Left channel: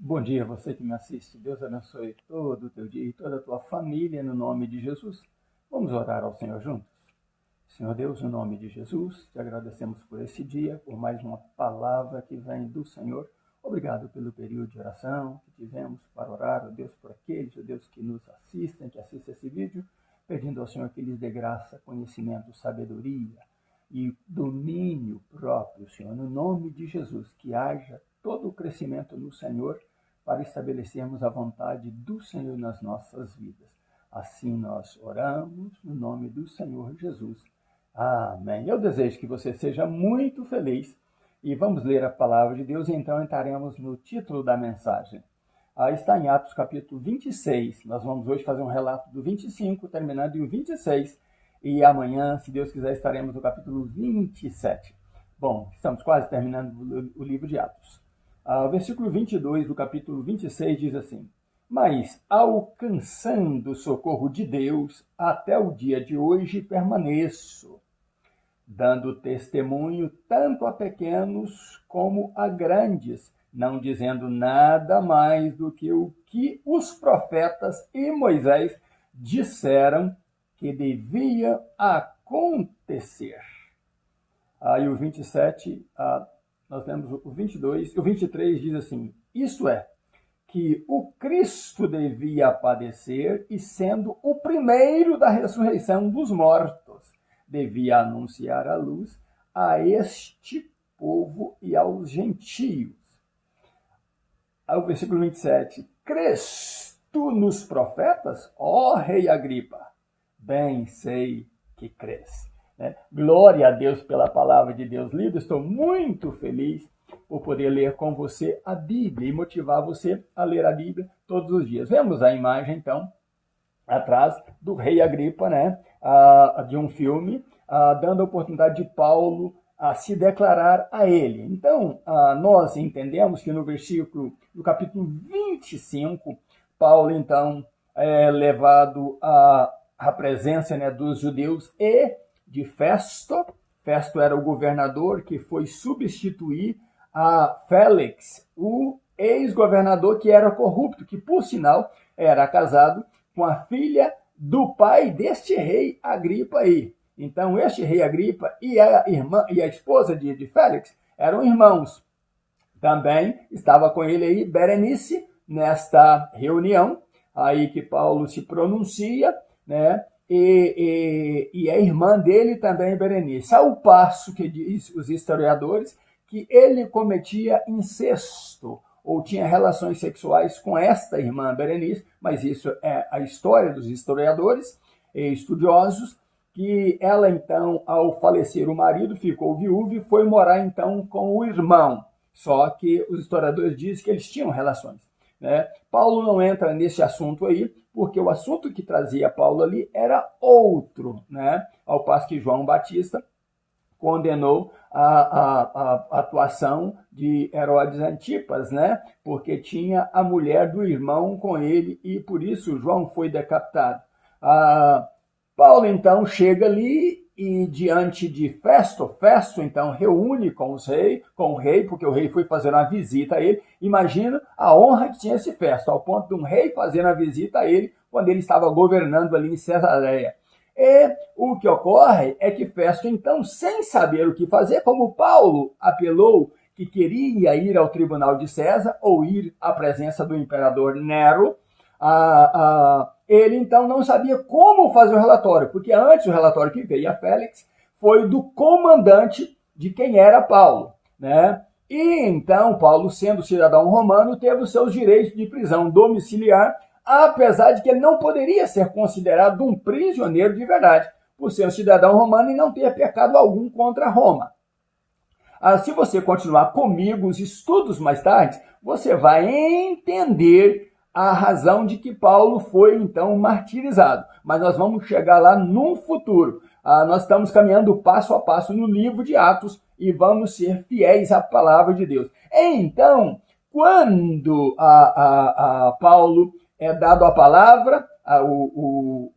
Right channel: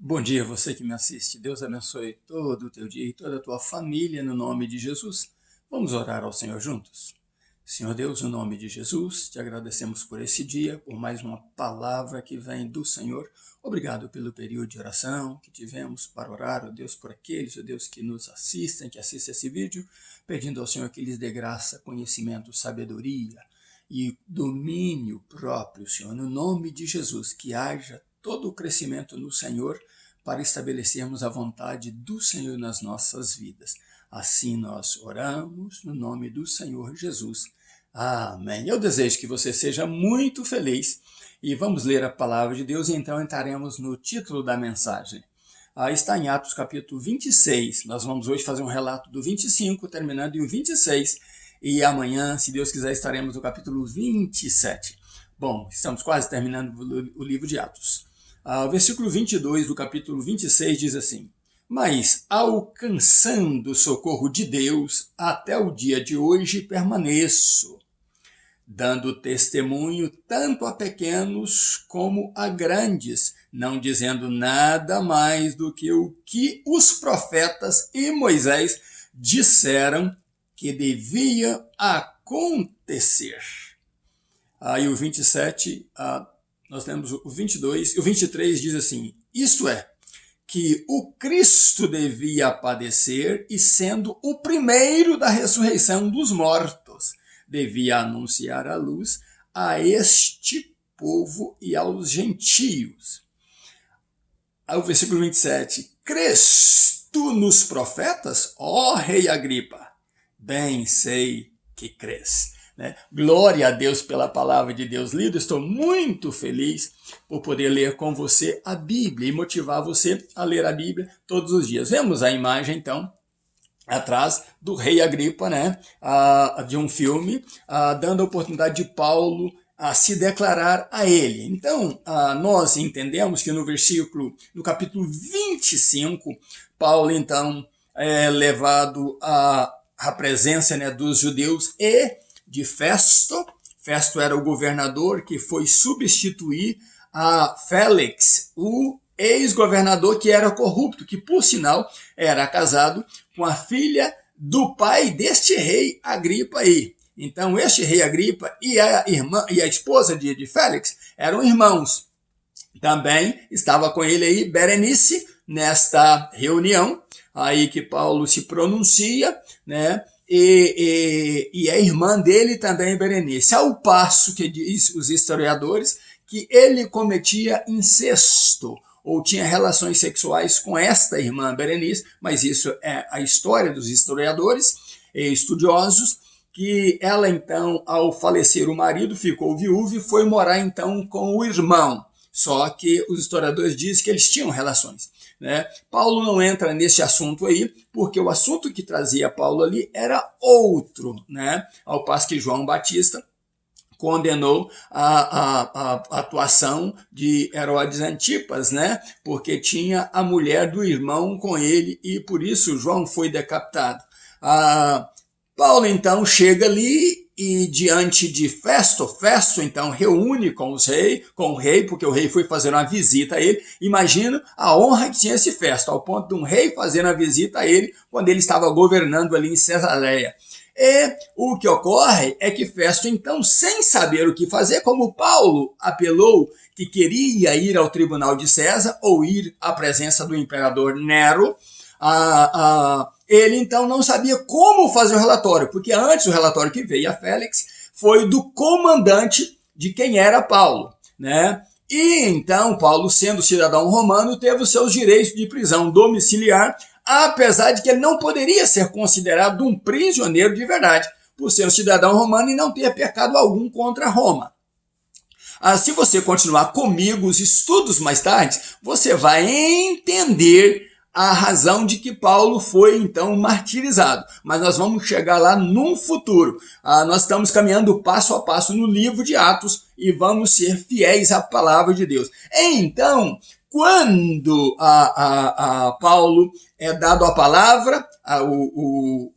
Bom dia, você que me assiste. Deus abençoe todo o teu dia e toda a tua família no nome de Jesus. Vamos orar ao Senhor juntos? Senhor Deus, no nome de Jesus, te agradecemos por esse dia, por mais uma palavra que vem do Senhor. Obrigado pelo período de oração que tivemos para orar, ó Deus, por aqueles, ó Deus, que nos assistem, que assistem esse vídeo, pedindo ao Senhor que lhes dê graça, conhecimento, sabedoria e domínio próprio, Senhor, no nome de Jesus, que haja todo o crescimento no Senhor para estabelecermos a vontade do Senhor nas nossas vidas. Assim nós oramos no nome do Senhor Jesus. Amém. Eu desejo que você seja muito feliz e vamos ler a palavra de Deus e então entraremos no título da mensagem. Está em Atos capítulo 26, nós vamos hoje fazer um relato do 25, terminando em 26, e amanhã, se Deus quiser, estaremos no capítulo 27. Bom, estamos quase terminando o livro de Atos. O versículo 22 do capítulo 26 diz assim: Mas, alcançando o socorro de Deus, até o dia de hoje permaneço, dando testemunho tanto a pequenos como a grandes, não dizendo nada mais do que o que os profetas e Moisés disseram que devia acontecer. Aí o 27, nós lemos o 22, o 23 diz assim: isto é, que o Cristo devia padecer e, sendo o primeiro da ressurreição dos mortos, devia anunciar a luz a este povo e aos gentios. Aí o versículo 27, crês tu nos profetas, ó rei Agripa? Bem sei que crês. Glória a Deus pela palavra de Deus lida. Estou muito feliz por poder ler com você a Bíblia e motivar você a ler a Bíblia todos os dias. Vemos a imagem, então, atrás do rei Agripa, de um filme, dando a oportunidade de Paulo a se declarar a ele. Então, nós entendemos que no capítulo 25, Paulo, então, é levado à presença dos judeus e de Festo. Festo era o governador que foi substituir a Félix, o ex-governador que era corrupto, que, por sinal, era casado com a filha do pai deste rei Agripa aí. Então, este rei Agripa e a esposa de Félix eram irmãos. Também estava com ele aí Berenice, nesta reunião, aí que Paulo se pronuncia, e a irmã dele também, Berenice, ao passo que diz os historiadores que ele cometia incesto, ou tinha relações sexuais com esta irmã Berenice, mas isso é a história dos historiadores e estudiosos, que ela então, ao falecer o marido, ficou viúva e foi morar então com o irmão, só que os historiadores dizem que eles tinham relações. Paulo não entra nesse assunto aí, porque o assunto que trazia Paulo ali era outro, ao passo que João Batista condenou a atuação de Herodes Antipas, porque tinha a mulher do irmão com ele e por isso João foi decapitado. Paulo então chega ali e diante de Festo então reúne com o rei, porque o rei foi fazer uma visita a ele. Imagina a honra que tinha esse Festo, ao ponto de um rei fazer uma visita a ele quando ele estava governando ali em Cesareia. E o que ocorre é que Festo, então, sem saber o que fazer, como Paulo apelou que queria ir ao tribunal de César ou ir à presença do imperador Nero, ele então não sabia como fazer o relatório, porque antes o relatório que veio a Félix foi do comandante de quem era Paulo, E então Paulo, sendo cidadão romano, teve os seus direitos de prisão domiciliar, apesar de que ele não poderia ser considerado um prisioneiro de verdade, por ser um cidadão romano e não ter pecado algum contra Roma. Se você continuar comigo os estudos mais tarde, você vai entender a razão de que Paulo foi, então, martirizado. Mas nós vamos chegar lá num futuro. Nós estamos caminhando passo a passo no livro de Atos e vamos ser fiéis à palavra de Deus. Então, quando Paulo é dado a palavra,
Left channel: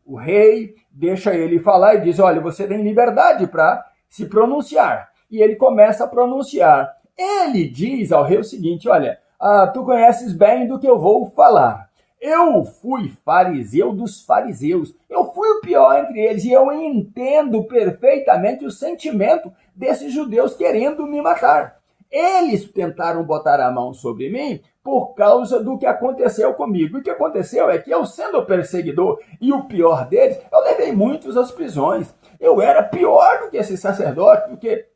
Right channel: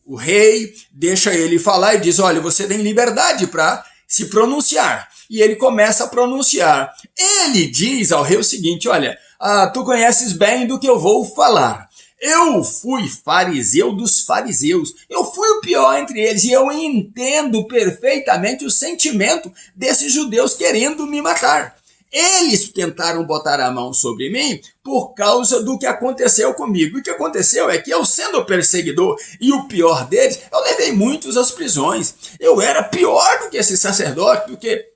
o rei deixa ele falar e diz: olha, você tem liberdade para se pronunciar. E ele começa a pronunciar. Ele diz ao rei o seguinte, olha, tu conheces bem do que eu vou falar. Eu fui fariseu dos fariseus, eu fui o pior entre eles e eu entendo perfeitamente o sentimento desses judeus querendo me matar. Eles tentaram botar a mão sobre mim por causa do que aconteceu comigo. O que aconteceu é que eu, sendo o perseguidor e o pior deles, eu levei muitos às prisões. Eu era pior do que esse sacerdote, do que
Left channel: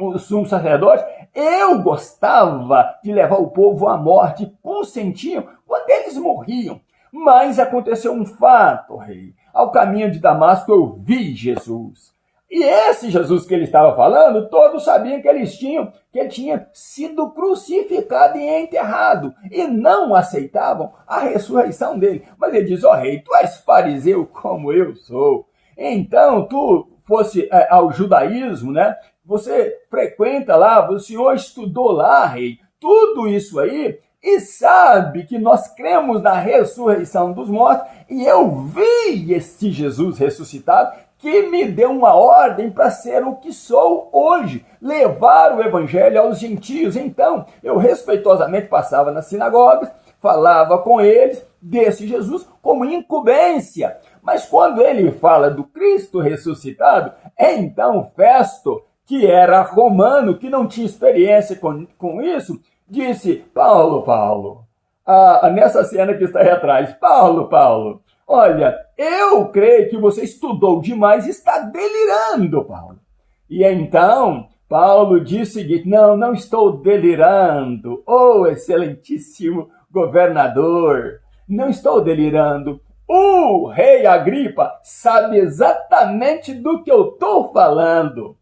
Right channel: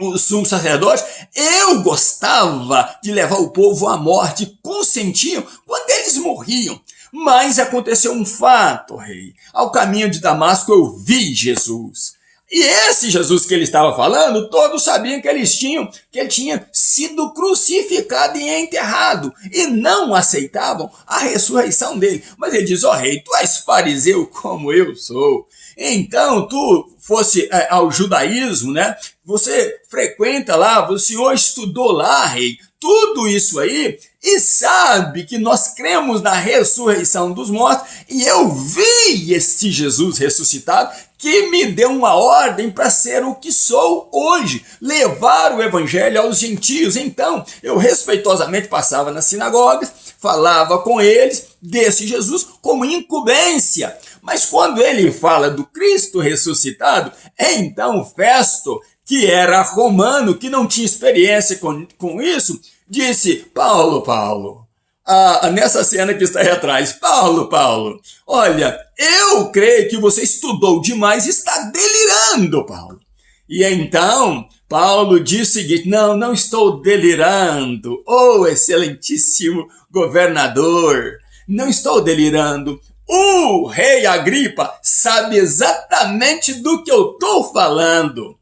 o sumo sacerdote. Eu gostava de levar o povo à morte, consentiam quando eles morriam. Mas aconteceu um fato, rei. Ao caminho de Damasco eu vi Jesus. E esse Jesus que ele estava falando, todos sabiam que ele tinha sido crucificado e enterrado, e não aceitavam a ressurreição dele. Mas ele diz, rei, tu és fariseu como eu sou. Então, tu fosse ao judaísmo, né? Você frequenta lá, o senhor estudou lá, rei, tudo isso aí, e sabe que nós cremos na ressurreição dos mortos, e eu vi esse Jesus ressuscitado, que me deu uma ordem para ser o que sou hoje, levar o evangelho aos gentios. Então, eu respeitosamente passava nas sinagogas, falava com eles desse Jesus como incumbência. Mas quando ele fala do Cristo ressuscitado, então Festo, que era romano, que não tinha experiência com isso, disse, Paulo, nessa cena que está aí atrás, Paulo, olha, eu creio que você estudou demais e está delirando, Paulo. E então, Paulo diz o seguinte, não estou delirando, excelentíssimo governador, não estou delirando. O rei Agripa sabe exatamente do que eu estou falando.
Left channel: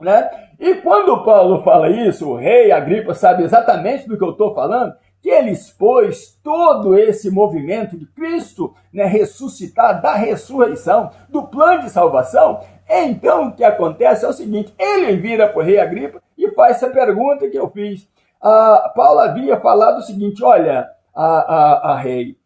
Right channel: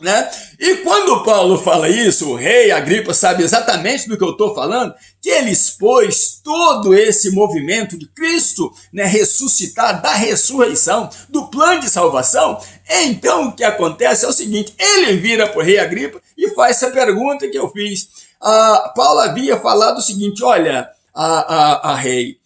Né? E quando Paulo fala isso, o rei Agripa sabe exatamente do que eu estou falando, que ele expôs todo esse movimento de Cristo, né, ressuscitar, da ressurreição, do plano de salvação. Então o que acontece é o seguinte, ele vira para o rei Agripa e faz essa pergunta que eu fiz. Paulo havia falado o seguinte, olha, rei,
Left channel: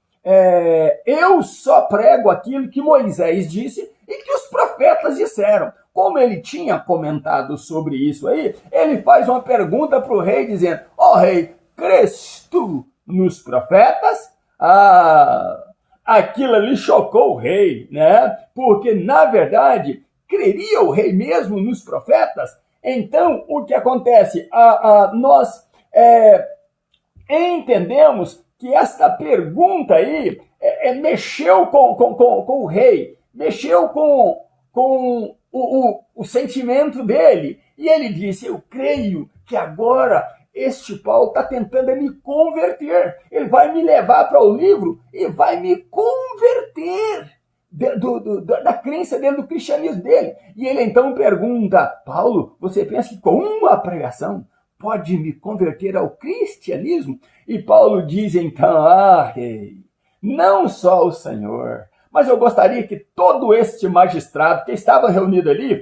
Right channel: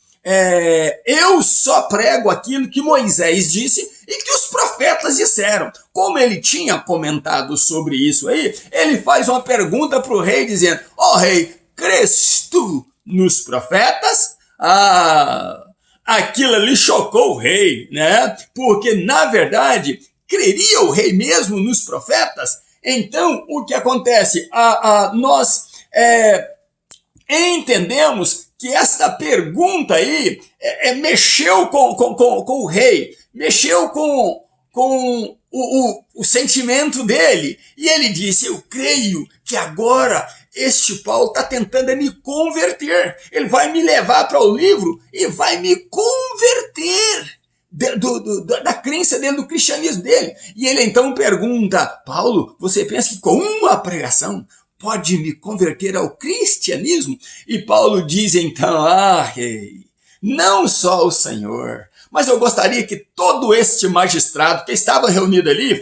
eu só prego aquilo que Moisés disse e que os profetas disseram. Como ele tinha comentado sobre isso aí, ele faz uma pergunta para o rei dizendo, rei, crês tu nos profetas? Aquilo ali chocou o rei, né? Porque, na verdade, creria o rei mesmo nos profetas? Então, o que acontece? Nós entendemos que essa pergunta aí mexeu com o rei, mexeu com o sentimento dele. E ele disse, eu creio que agora este Paulo está tentando me converter. Ele vai me levar para o livro e vai me converter da crença dele, do cristianismo dele. E ele então pergunta, Paulo, você pensa que com uma pregação pode me converter ao cristianismo? E Paulo diz então, rei, não só o Senhor, mas eu gostaria que todo este magistrado que estava reunido ali,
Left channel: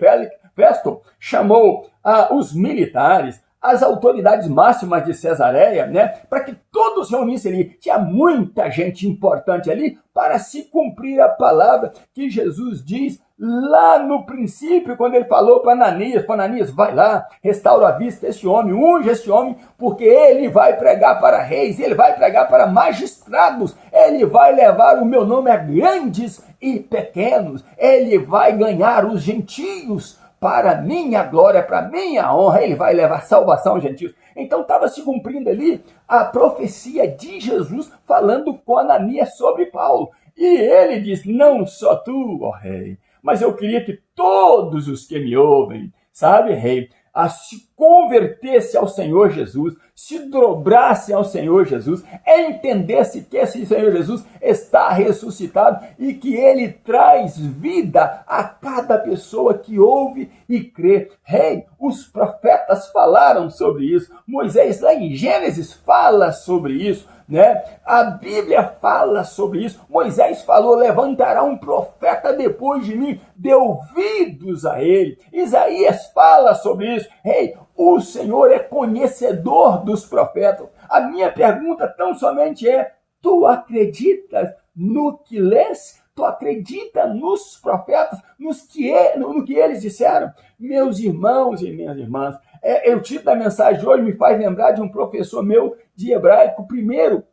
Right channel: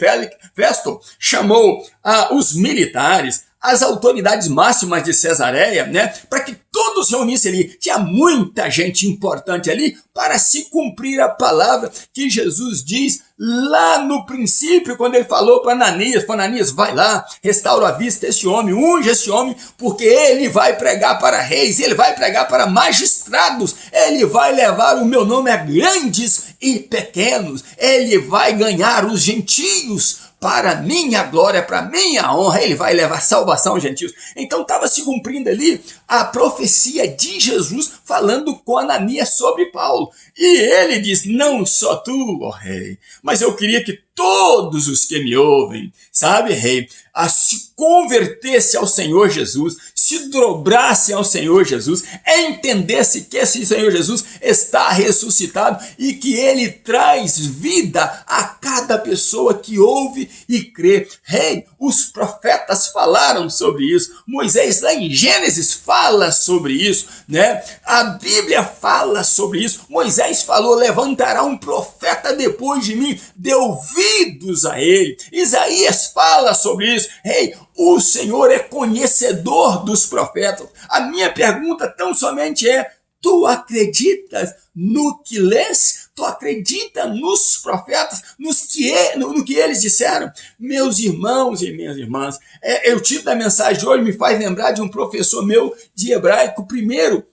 Festo, chamou os militares, as autoridades máximas de Cesareia, né, para que todos reunissem ali. Tinha muita gente importante ali para se cumprir a palavra que Jesus diz lá no princípio, quando ele falou para Ananias, vai lá, restaura a vista desse homem, unge esse homem, porque ele vai pregar para reis, ele vai pregar para magistrados, ele vai levar o meu nome a grandes e pequenos, ele vai ganhar os gentios para minha glória, para minha honra, ele vai levar salvação aos gentios. Então estava se cumprindo ali a profecia de Jesus falando com Ananias sobre Paulo. E ele diz, não só tu, rei, mas eu queria que todos os que me ouvem, sabe, rei, se convertesse ao Senhor Jesus, se dobrasse ao Senhor Jesus, entendesse que esse Senhor Jesus está ressuscitado e que ele traz vida a cada pessoa que ouve e crê. Rei, os profetas falaram sobre isso, Moisés lá em Gênesis fala sobre isso, né? A Bíblia fala sobre isso, Moisés falou, levantará um profeta depois de mim, dê ouvidos a ele. Isaías fala sobre isso. Rei, o Senhor é conhecedor dos profetas. A minha pergunta tão somente é, tu acreditas no que lês? Tu acredita nos profetas, no que eles disseram? Meus irmãos e minhas irmãs, o título da mensagem de hoje me faz lembrar de um professor meu de hebraico, primeiro,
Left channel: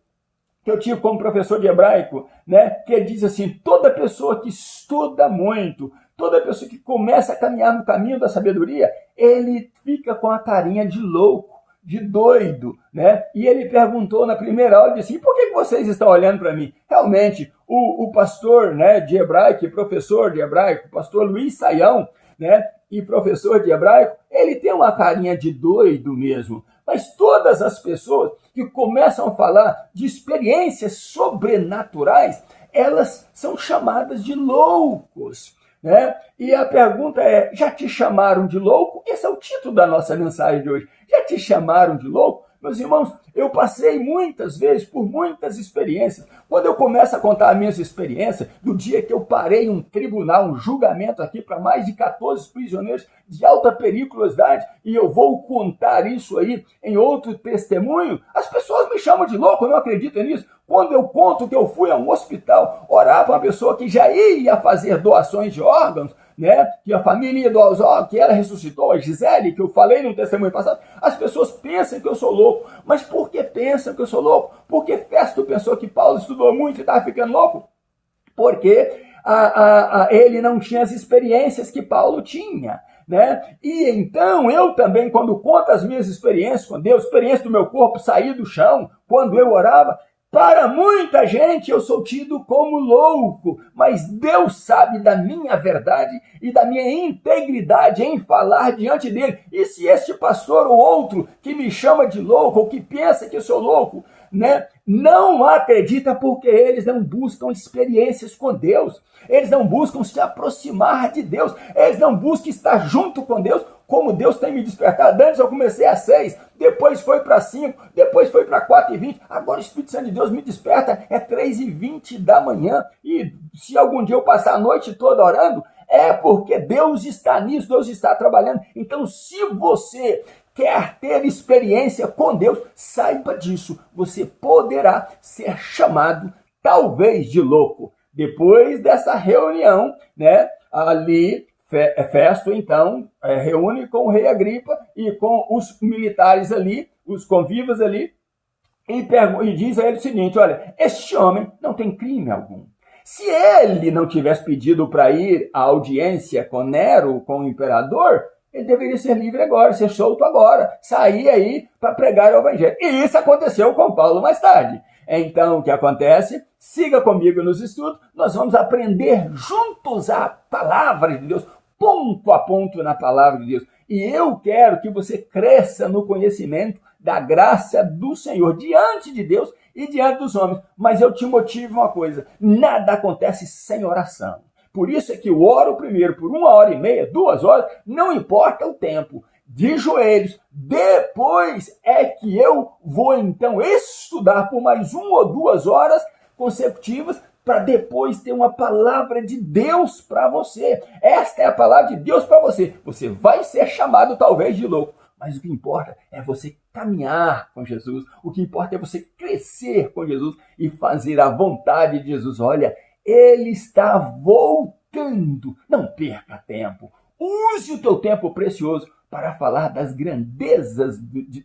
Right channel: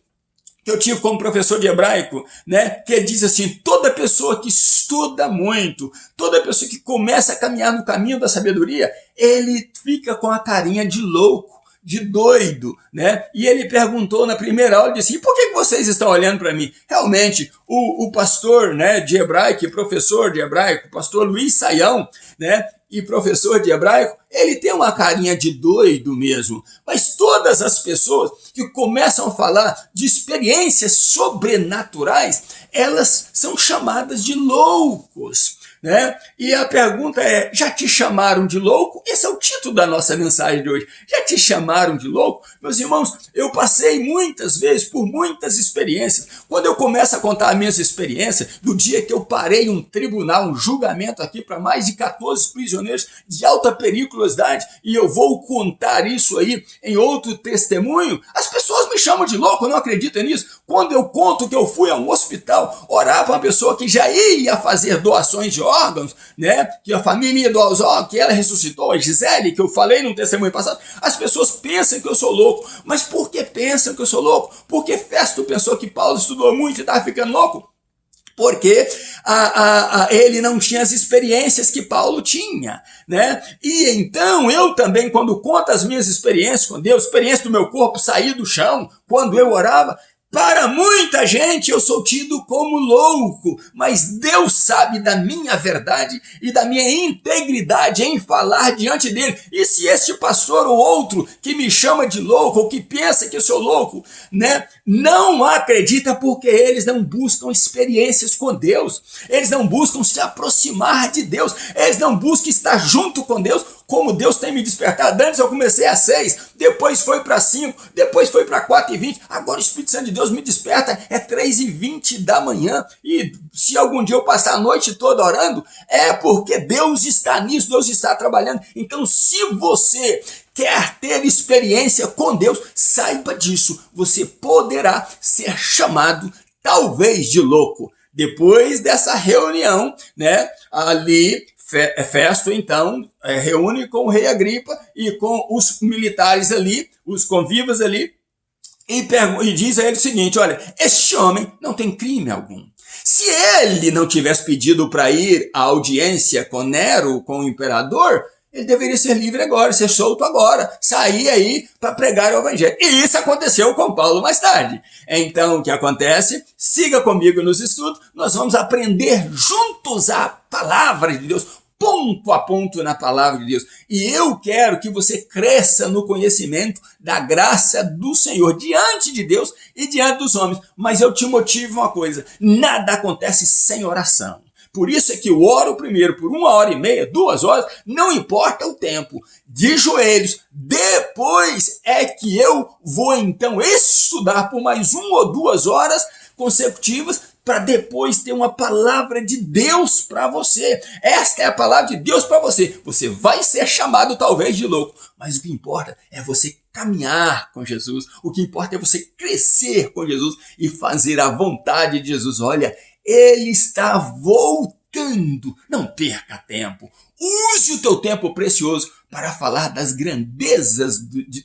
que eu tive como professor de hebraico, né, que ele diz assim: toda pessoa que estuda muito, toda pessoa que começa a caminhar no caminho da sabedoria, ele fica com a carinha de louco, de doido, né? E ele perguntou na primeira aula, disse: e por que vocês estão olhando para mim? Realmente, o pastor, né, de hebraico, professor de hebraico, pastor Luiz Saião, né, e professor de hebraico, ele tem uma carinha de doido mesmo. Mas todas as pessoas que começam a falar de experiências sobrenaturais, elas são chamadas de loucos, né? E a pergunta é: já te chamaram de louco? Esse é o título da nossa mensagem de hoje. Já te chamaram de louco? Meus irmãos, eu passei muitas vezes por muitas experiências. Quando eu começo a contar as minhas experiências, do dia que eu parei um tribunal, um julgamento aqui para mais de 14 prisioneiros de alta periculosidade, e eu vou contar isso aí em outro testemunho, as pessoas me chamam de louco, não acreditam nisso. Quando eu conto que eu fui a um hospital orar para uma pessoa que já ia fazer doações de órgãos, né, que a família ia doar os órgãos, que ela ressuscitou, a Gisele, que eu falei no testemunho passado, as pessoas pensam que eu sou louco. Mas por que pensam que eu sou louco? Porque Festo pensou que Paulo estudou muito e estava ficando louco? Porque ele não tinha as experiências que Paulo tinha, né? E então eu também, quando conto as minhas experiências com Deus, experiência do meu corpo sair do chão, quando eu orava, para muita gente eu sou tido como louco, mas Deus sabe da minha verdade e da minha integridade em falar diante dele. E se este pastor ou outro que me chama de louco ou que pensa que eu sou louco, né, não acredita, porque eles não buscam experiências com Deus, eles não buscam se aproximar de Deus, eles não buscam estar junto com Deus, como Deus tem me despertado. Antes eu comecei às 6, depois foi para 5, depois foi para 4h20, agora o Espírito Santo de Deus me desperta, é 3h20 da manhã, e se algum dia eu passar a noite toda orando, é porque Deus está nisso, Deus está trabalhando. Então, se você quer ter experiência com Deus, saiba disso, você poderá ser chamado talvez de louco. Depois dessa reunião, né, ali, Festo então reúne com o rei Agripa e com os militares ali, os convivas ali, e diz a ele o seguinte: olha, este homem não tem crime algum. Se ele não tivesse pedido para ir à audiência com Nero, com o imperador, ele deveria ser livre agora, ser solto agora, sair aí para pregar o evangelho. E isso aconteceu com Paulo mais tarde. Então, o que acontece? Siga comigo nos estudos, nós vamos aprender juntos a palavra de Deus, ponto a ponto na palavra de Deus. E eu quero que você cresça no conhecimento da graça do Senhor diante de Deus e diante dos homens. Mas eu te motivo uma coisa: nada acontece sem oração. Por isso é que eu oro primeiro por 1h30, 2 horas, não importa o tempo, de joelhos. Depois é que eu vou então estudar por mais 1 ou 2 horas consecutivas, para depois ter uma palavra de Deus para você. Esta é a palavra de Deus para você. Você vai ser chamado talvez de louco, mas o que importa é você caminhar com Jesus. O que importa é você crescer com Jesus e fazer a vontade de Jesus. Olha, ele está voltando. Não perca tempo. Use o teu tempo precioso para falar das grandezas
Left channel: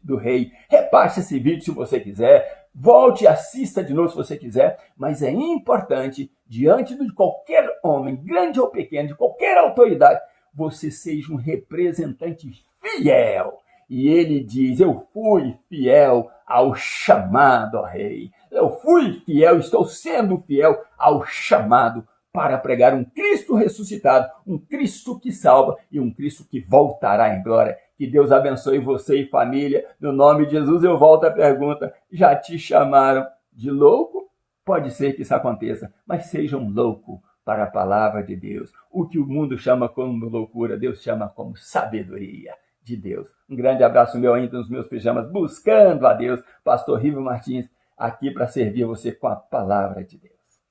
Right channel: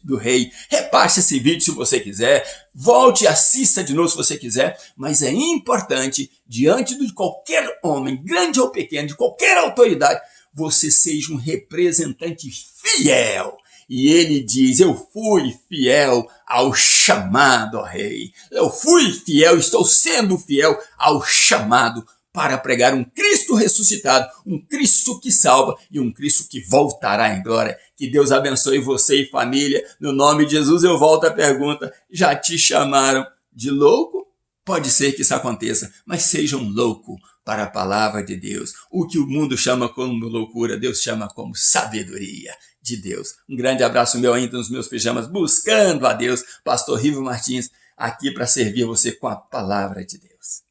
do rei. Repasse esse vídeo se você quiser. Volte e assista de novo se você quiser. Mas é importante, diante de qualquer homem, grande ou pequeno, de qualquer autoridade, você seja um representante fiel. E ele diz: eu fui fiel ao chamado, ó rei. Eu fui fiel, estou sendo fiel ao chamado para pregar um Cristo ressuscitado, um Cristo que salva e um Cristo que voltará em glória. Que Deus abençoe você e família. No nome de Jesus eu volto à pergunta: já te chamaram de louco? Pode ser que isso aconteça, mas seja um louco para a palavra de Deus. O que o mundo chama como loucura, Deus chama como sabedoria de Deus. Um grande abraço meu ainda nos meus pijamas, buscando a Deus. Pastor Rivo Martins, aqui para servir você com a palavra de Deus.